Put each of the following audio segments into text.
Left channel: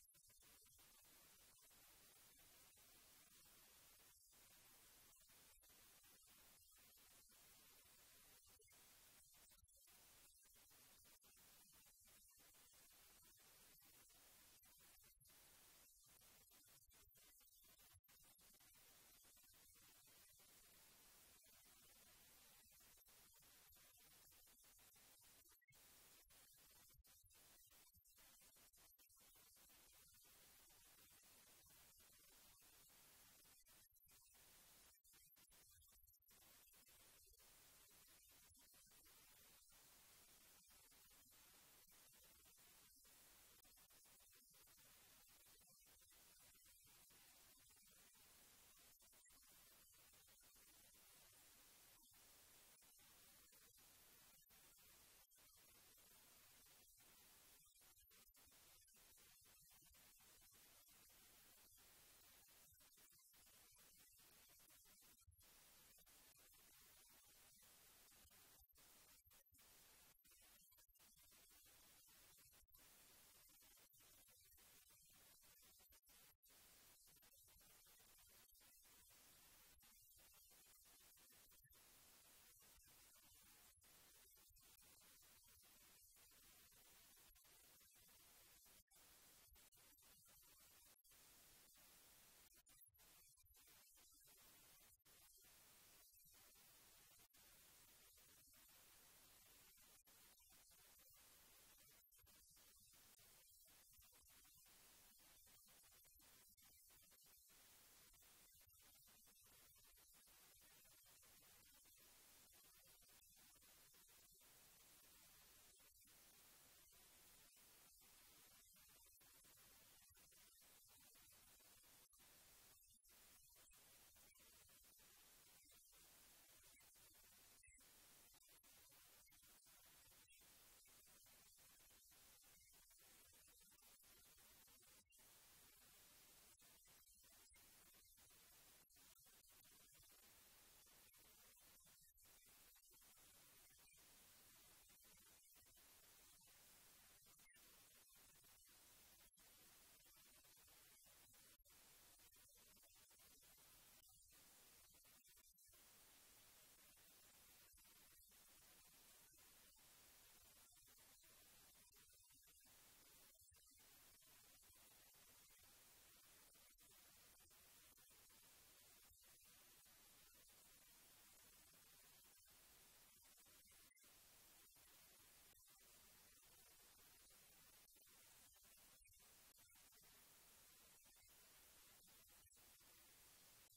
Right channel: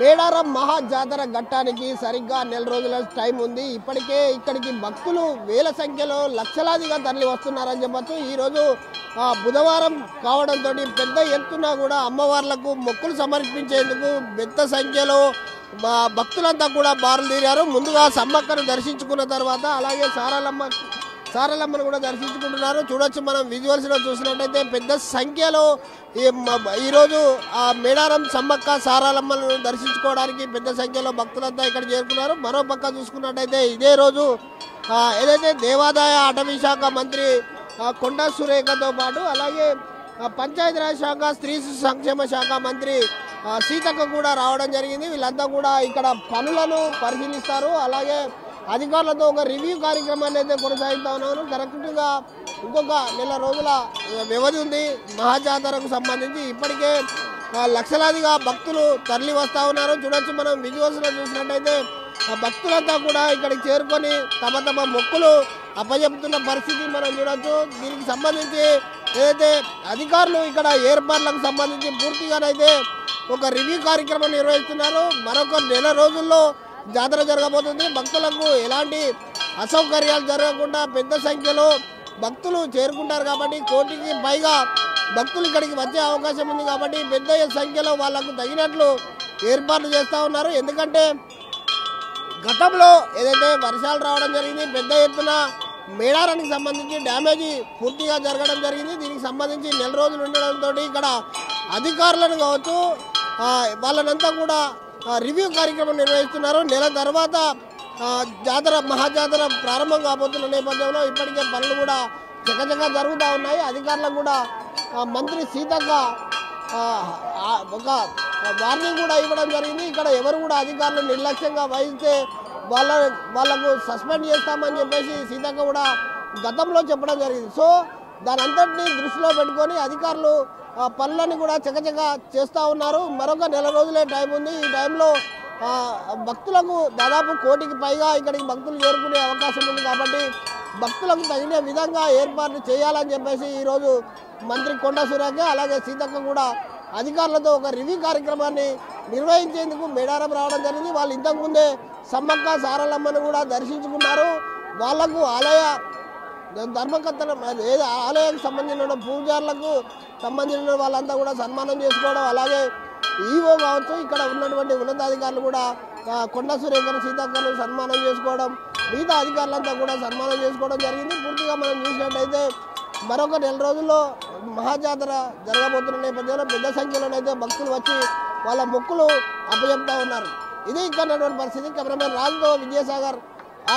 మేడారం మహా జాతర ఘట్టానికి సరిగ్గా నెల రోజుల టైం ఉంది. ఇప్పటికే ఇక్కడికి భక్తులు వేల సంఖ్యలో లక్షలాదిగా తరలి వస్తున్నారని చెప్పచ్చు. ఈరోజు బుధవారం కావడంతో పెద్ద ఎత్తున కూడా అమ్మవార్లకు మొక్కులు సమర్పించేందుకు పెద్ద సంఖ్యలో భక్తులంతా కూడా బారులు తీరారు. ముందుగా సమ్మక్కను దర్శించుకున్న తర్వాత అలాగే సారలమ్మను కూడా దర్శించుకుంటున్నారు. చూడొచ్చు, మనం విజువల్స్లో చూసినట్టయితే పెద్ద సంఖ్యలో ఈరోజు మేడారం సమ్మక్క సారలమ్మను దర్శించుకోవడానికి పెద్ద సంఖ్యలో భక్తులంతా ఇక్కడ చేరుకున్నారు. మరో పక్క చూసుకున్నట్టయితే ఇదే రోజు ఏదైతే దేవాదాయ అటవీ శాఖ మంత్రి కొండా సురేఖతో పాటు అలాగే పంచాయతీరాజ్ శాఖ స్త్రీ సంక్షేమ శాఖ మంత్రి సీతక్క కూడా రావడం జరిగింది. వీళ్ళంతా కూడా ఇక్కడ పనులను పరిశీలిస్తారు. అలాగే అధికారులతో ఒక రివ్యూ కార్యక్రమాన్ని అయితే కొనసాగిస్తా ఉన్నారు. కరెక్ట్గా ఇంకొక నెల రోజుల వ్యవధి ఉంది మహాజాతరకు సంబంధించి. ఇప్పటికే లక్షలాదిగా భక్తులు తరలి వస్తూ ఉన్నారు. చూడొచ్చు, మనం విజువల్స్లో చూసినట్టయితే భక్తులంతా కూడా ఇక్కడికి చేరుకొని తమ తమ మొక్కులు అప్పచెప్తున్న పరిస్థితి మనం చూడొచ్చు. దీనికి సంబంధించి ఏదైతే అధికారులు ఇక్కడ ఏర్పాట్లకు సంబంధించి పూర్తిగానైతే ఒక రివ్యూ కార్యక్రమం నిర్వహిస్తున్నారు. మరొక నెల రోజుల్లో జాతర జరగబోతుంది. భక్తులకు ఎలాంటి అసౌకర్యాలు జరగకుండా పెద్ద సంఖ్యలో భక్తులు చేరుకుంటారు కాబట్టి కోటికి పైగా భక్తులు ఇక్కడికి వచ్చే అవకాశం ఉంది. కాబట్టి పెద్ద సంఖ్యలో వాళ్లకు తగినట్లు ఏర్పాట్లు చేస్తూ ఉన్నారు. ఎందుకంటే గతంలో ఏదైతే వర్షాలు రావడం జరిగింది, పెద్ద ఎత్తున మేడారానికి సంబంధించి డ్యామేజీ పూర్తిగా జరగడం జరిగింది. దీనికి సంబంధించి నెల రోజులు ఉండడంతో ఇక్కడ అధికారులను కావచ్చు వాళ్ళనంతా కూడా రివ్యూ కార్యక్రమం నిర్వహిస్తున్నారు. నెల తర్వాత జాతర మహాజాతర ప్రారంభం కాబోతున్న నేపథ్యంలో ఇప్పటికే పనులు కూడా చకచకా జరుగుతూ ఉన్నాయి. అధికారులకు కూడా మంత్రి సీతక్క ఒక వార్నింగ్ కూడా ఇవ్వడం జరిగింది. ఇక్కడ ఎవరు కూడా అధికారులు నిర్లక్ష్యంగా వహిస్తే వాళ్ళకు సస్పెండ్ చేస్తామని చెప్పేసి సీతక్క కూడా గతంలో చెప్పడం జరిగింది. సో దాని అంతటినీ దృష్టిలో పెట్టుకొని అధికారులు పనులని కూడా చకచక చేస్తూ ఉన్నారు. మరొక నెల రోజులే టైం ఉంది. ఈ టైంలో భక్తులకు దాదాపు కోటికి పైగా ఇక్కడికి భక్తులు చేరుకునే అవకాశం ఉంది. కాబట్టి భక్తులకు తగిన విధంగా ఏర్పాట్లు చేయాలని చెప్పేసి ఈరోజు మంత్రి కొండా సురేఖ అలాగే సీతక్క కూడా అధికారులతో ఒక రివ్యూ కార్యక్రమాన్ని నిర్వహించేందుకు మేడారం రావడం జరిగింది. వాళ్ళు ఇంతకుముందే సమ్మక్క సారలమ్మను కూడా దర్శించుకున్నారు. వాళ్లకు ఆలయ ధర్మకర్తల ఆలయానికి సంబంధించిన పూజారులకు సంబంధించిన వాళ్ళంతా కూడా సన్మానం చేసుకోవడం, అలాగే ఈవో కావచ్చు ఇక్కడ ఉన్నటువంటి ఉన్నతాధికారులు కూడా కొండా సురేఖను సీతక్కను సన్మానం చేసుకోవడం, మిగతా అధికారులంతా కూడా సన్మానం చేసుకోవడం జరిగింది. పూర్తిగా మనం చూసినట్టయితే మరొక నెల రోజుల్లో మహాజాతర జరగబోతున్న నేపథ్యంలో పెద్ద సంఖ్యలోనైతే భక్తులు వచ్చి వాళ్ళ మొక్కులు అప్పచెప్తా ఉన్నారు. ఇది ఇక్కడ ఉన్నటువంటి పరిస్థితి. కెమెరామెన్ రాజుతో Vijayasagar,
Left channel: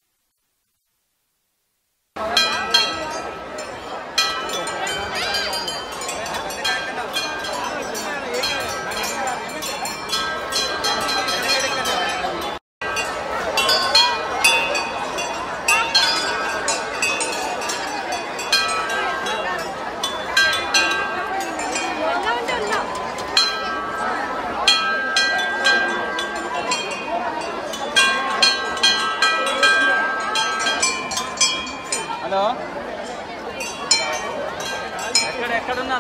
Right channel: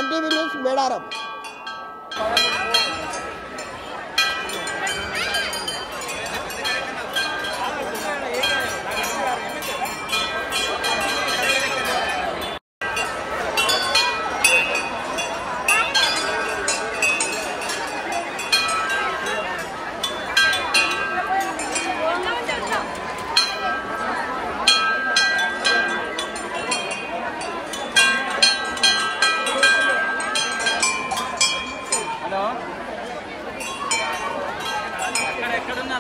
RTV news, Medaram. Hello, ఎక్కడున్నా?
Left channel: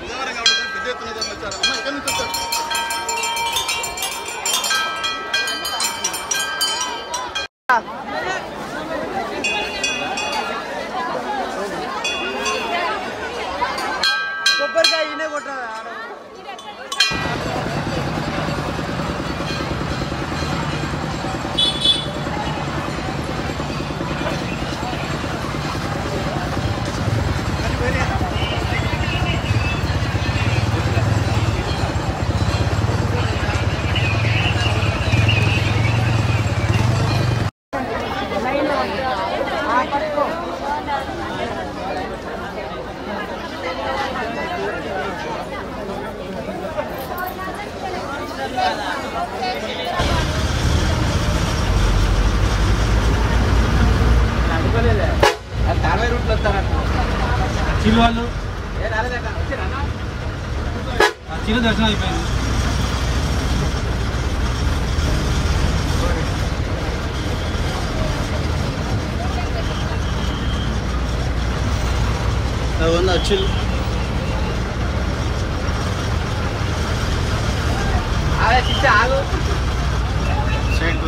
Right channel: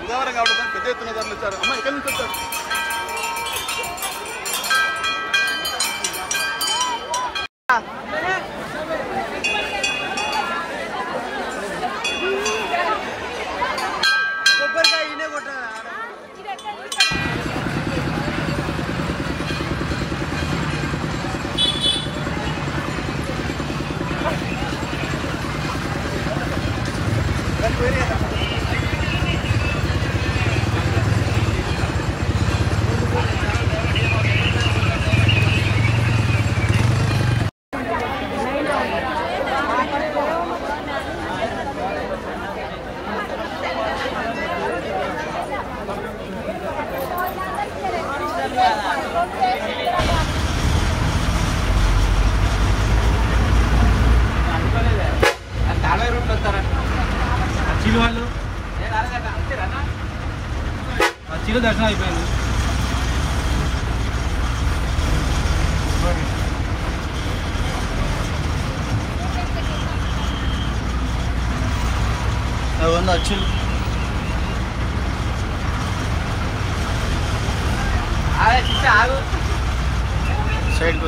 బుధవారం కాబట్టి పెద్ద ఎత్తున తరలించారు. అమ్మ ఇక్కడ నుంచి వచ్చారు. చిరు వాళ్ళు చిరు దర్శనం అయిపోయింది. చిల్ ఆగు సైడ్